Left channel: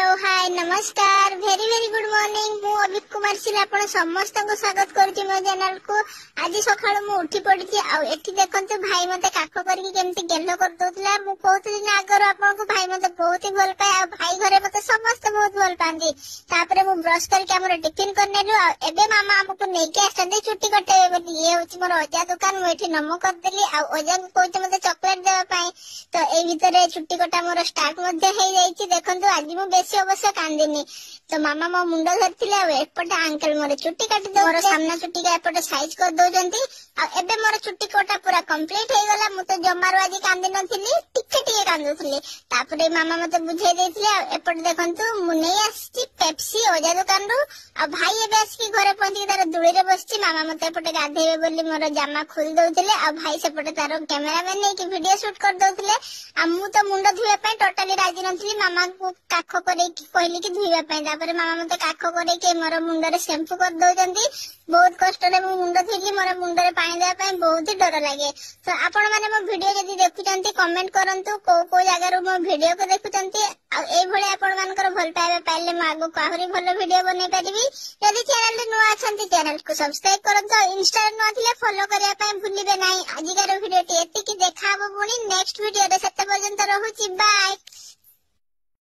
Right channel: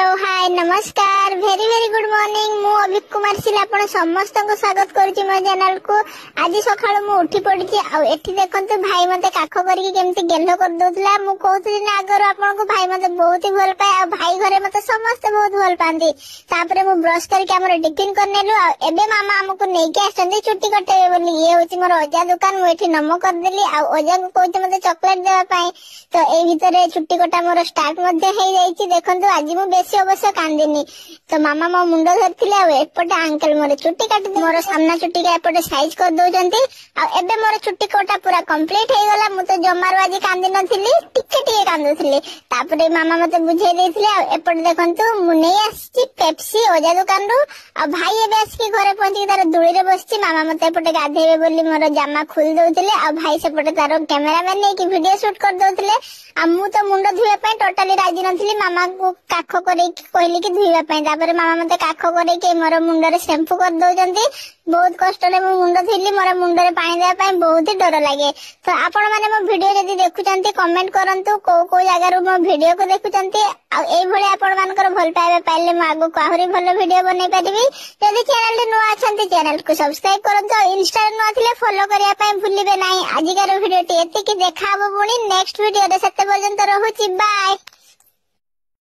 Hello hi नमस्कार very very good morning मु अभिक कुमार सिल आपण समस्त को स्वागत करूची मो चैनल को। आज सकाळु मु उठी पड़ी आ एठी देखंतु भाई मते काख करके केमती गेलो कर दोतला। मु कहतुली ना आगर आपन को भाई मते बहुत ही भल पाए आ भाई घरे मते समस्त बहुत भल पांदी। तापरे मु ब्रश करके हमर टिफिन करनेलु आ एबे मामा हमको नै के आछंदी छुट्टी कटे बोली। ये होची मोर अजा दुकान मु एठी नमो कर देली आ अजा को कहते मते चॉकलेट देबा पाए। तो ए भीतरे छुट्टी कटा मोर स्टार्ट मध्ये हे जाईची। देखंतु आज मु बेसी अवश्य कांदिनी तो मामा मो मुंडो धरथिले आ एपटे अंकल मोर छुट्टी काटी दे मोर सामना छुट्टी के एपटे साइज कर दोचंती आ एबे मोर छुट्टी कोटा पूरा कंप्लीट हे गला। मु तो जमारो आज कांदी नथिली टिके टिके कांदुथिली। तापरे मामा मते बुझे देथिले आ एपटे देखंतु मु नै आछि पेप्सी ओजा दुकान रो आ भाई एबे आछि घरे पहुंची तार दुळी रे बसछि। मामा मते एपटे गाधेबे बोली मोर जामा खोल दोथिले आ भाई सेपटे तार कैमरामैन नै कि वीडियो शूट कर दोथिले आ मु तो मुंडो धुए पय टोटली राजी नथिली। मामा को काख करे कहली कि धुइबा पय तापर मामा मते काख करे के मोर मुंडो रे शैम्पू कर दोचंती। बहुत कष्ट रे मु मुंडो थिली मोर मुंडो रे पानी देबा पय बहुत ही डर लागे। तो आपण माने मो वीडियो जदी देखुचंती कमेंट करंतु को जगह रो मो वीडियो को देखुचंती आ एई भले आपण मानकर भल पाइबा पाइले म आगो काहरी भलो वीडियो बनै पारिबी। जदी चैनल रे नुआ अछंती चैनल को सब्सक्राइब करंतु इंस्टा रे नुआ थिले फॉलो करिया पय भूलिबे नाही। आजिकार वीडियो टी एति कि देखाबो पुनी नेक्स्ट वीडियो रे। सते पर्यंत रहूची बाय।